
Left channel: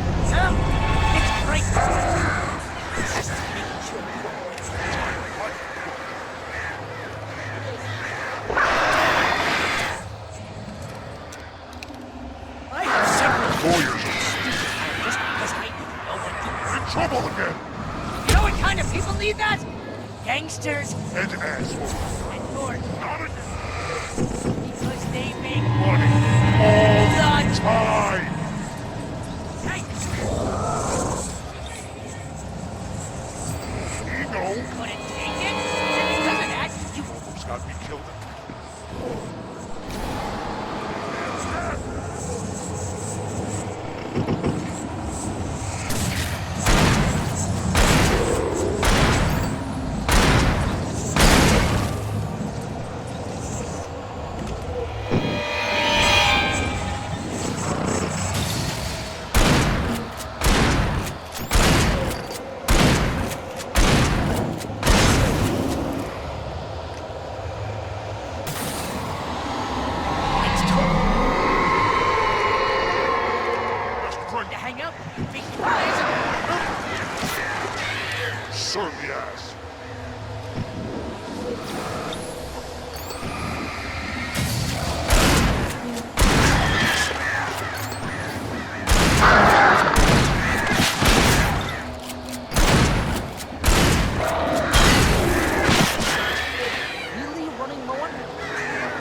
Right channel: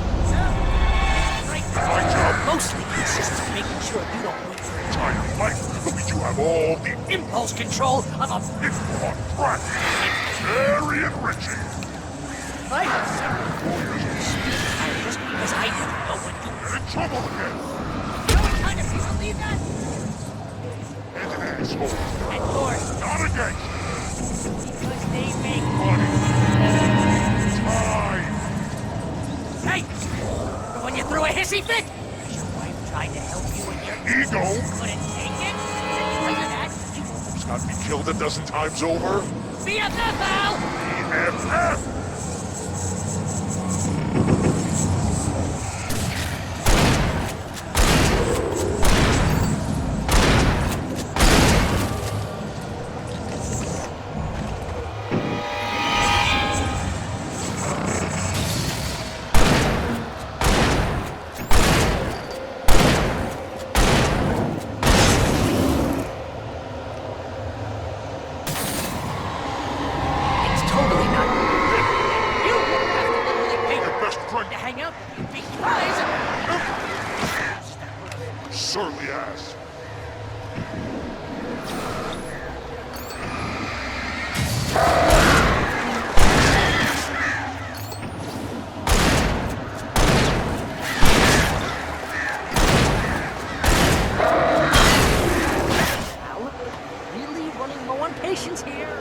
It's great. Mostly consists of making sure you don't win. Tired fight. Look at you have all the Impulse control. I'm a... very enriching. I have several Lawyers are speed dial just because I never know when to... get in trouble again. You know what kind of people need that? Gangsters And an asshole. and yours. Not a gang. Because they make Money. all the Time. Hey! When you threw a hissy fit, your wife tried to help you and Ego. you couldn't take it, and because of that, you Almost got me killed a dozen times over. BFF, Al! BFF. It's totally not. Best friend To hang out with you big guys. surly ass. Really running low on patience here.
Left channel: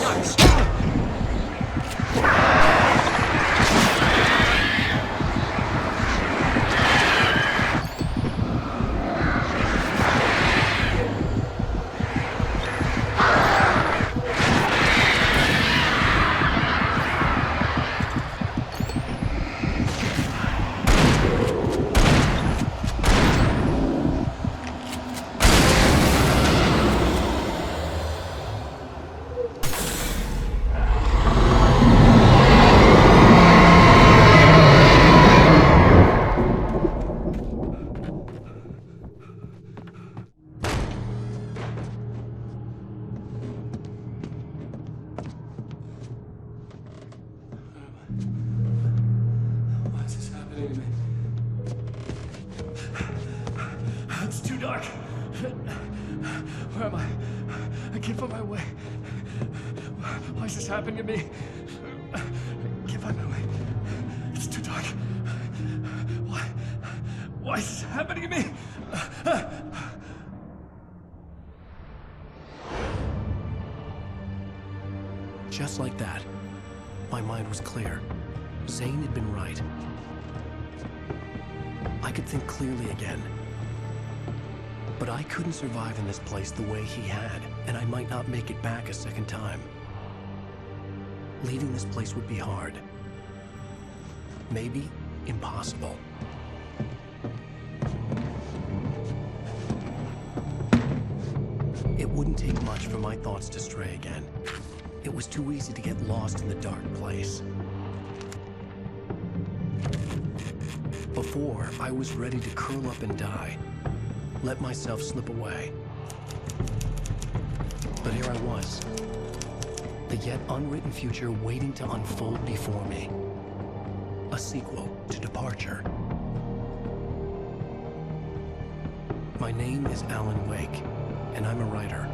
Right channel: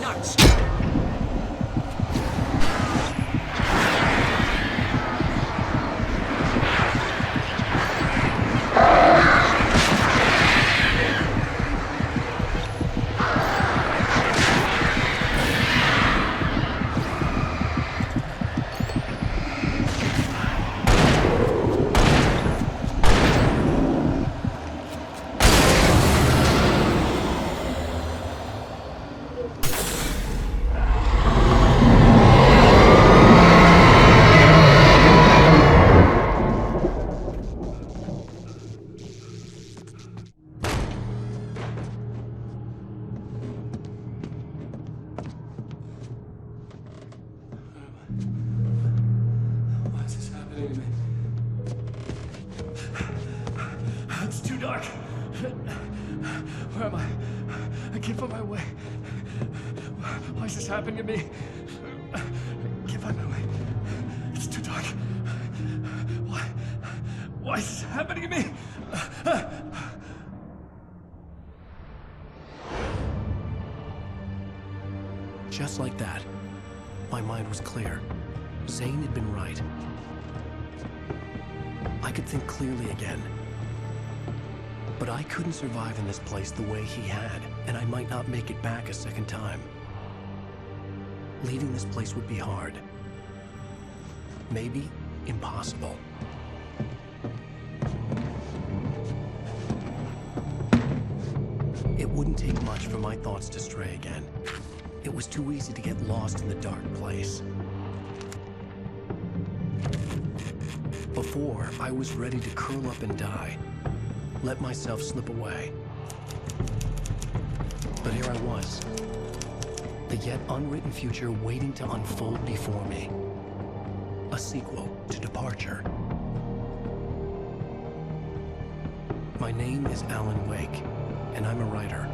nuts! Why is this happening to me? It's too dark. Where am I? I can't find my way. Why is this happening to me? I can't find my way. It's too dark. Why is this happening to me? Just like that, my mind was clear. Zane had been right. I could think clearly again. But I couldn't survive in this place the way he had, and I might not make it back a second time. Leaving this place would be hard. Maybe impossible. It wouldn't take much for my thoughts to stray again. It was too easy to get lost in the dark place. Before, I was ready to curl up and die. Let myself slip away. But here I was. The yet unwritten future waiting to unfold before me. A sequel to Departure. My name is Alan Wake, and I'm a writer.